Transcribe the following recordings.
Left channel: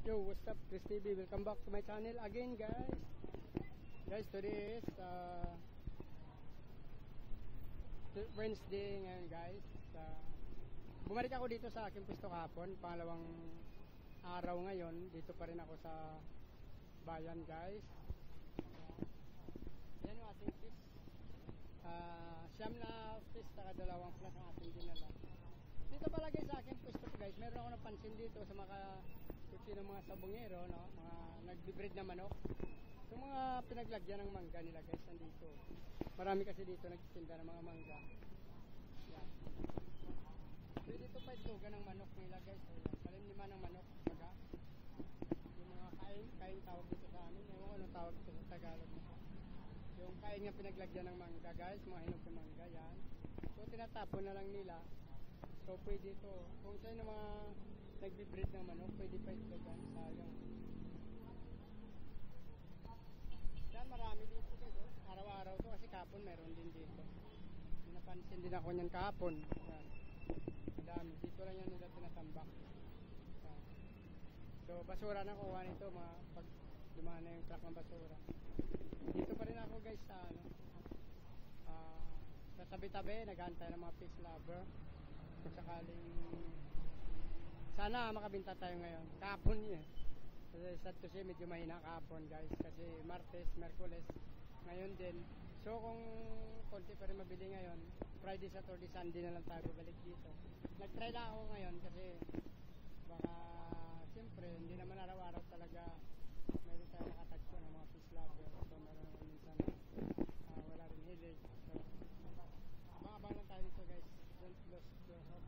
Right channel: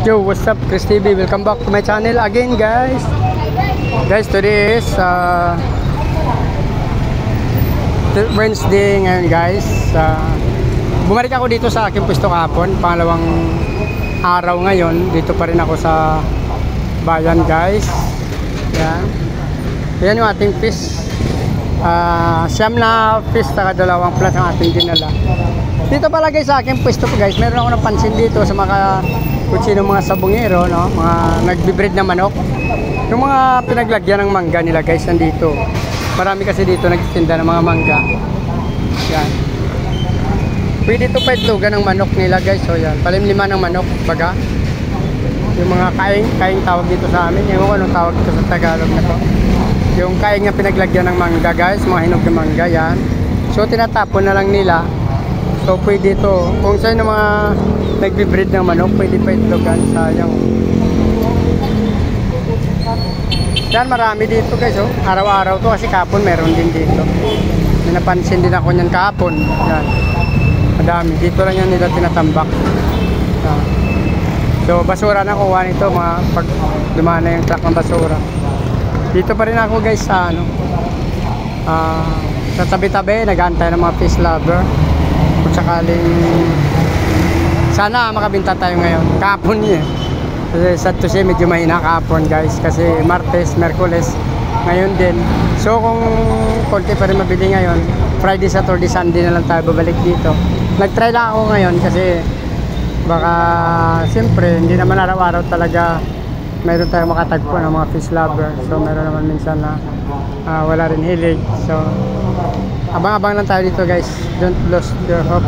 Yo, what's up, Chris TV? Welcome back to my channel again, guys. Guys, today is Wednesday ngayon, guys. Bumalik ako dito sa aking pwesto kahapon. Pangalawang araw ngayon. Dito pa rin ako sa bayan, guys. Yan. Yan yung ating fish. Siyam na fish saka dalawang plus ang ating dinala. Dito pala guys sa aking pwesto po, guys. Meron ako napansin dito sa mga kung sino mga sabungero, no? Mga nagbi-breed na manok. Yung mga pinaglagyan ng mangga nila, guys, nandito. Marami kasi dito nagtitinda ng mga mangga. Yan. Pwede ito pa itlogan ng manok nila, guys. So yan, palimlima ng manok, baga. Yung mga kaing tawag dito sa amin. Yung anong tawag dito sa Tagalog na to. Yung kaing na pinaglagyan ng mangga, guys, mga hinog ng mangga, yan. So tinatapon na lang nila. So pwede ito, kung saan yung mga nagbi-breed ng manok, pwede pa itlogan, sayang. Yan, marami dito, guys, oh. Araw-araw to kasi kapon meron din dito. May napansin din ako niyan kapon. Yan. Madami. Dito lang yan nila tinatambak. Yan. So basura na kuha nito, mga pag dumana yung truck ng basura. Dito pa rin ako, guys, sa ano, sa tabi-tabi, nag-aantay ng mga fish lover. Kung sakaling sana makabinta tayo ngayon. Kahapon niya. Kasi sa Tuesday medyo mahina kahapon, guys. Kasi Martes, Merkules, ngayon din. So kung konti pa rin mabili ngayon, Friday, Saturday, Sunday na lang tayo babalik dito. Nag-try lang ako ngayon kasi baka siyempre hindi naman araw-araw talaga mayroon tayong makatagpo ng mga fish lover. So meron naman minsan na wala rin hilig. So abang-abang lang tayo dito, guys. Don't lose your hope.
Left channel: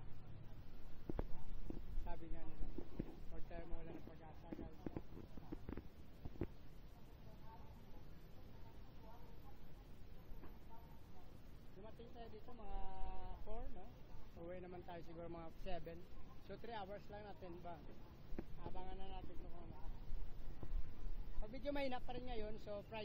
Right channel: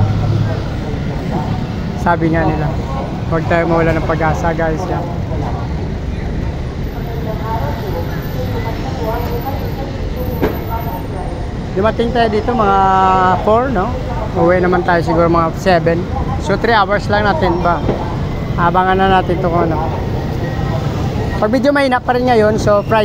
Sabi nga nila, huwag tayo mawala ng pag-asa, guys. Yan. Dumating tayo dito mga 4, no? Uwi naman tayo siguro mga 7. So 3 hours lang natin ba? Abangan na natin ito kung ano. Pag medyo mahina pa rin ngayon, so Friday.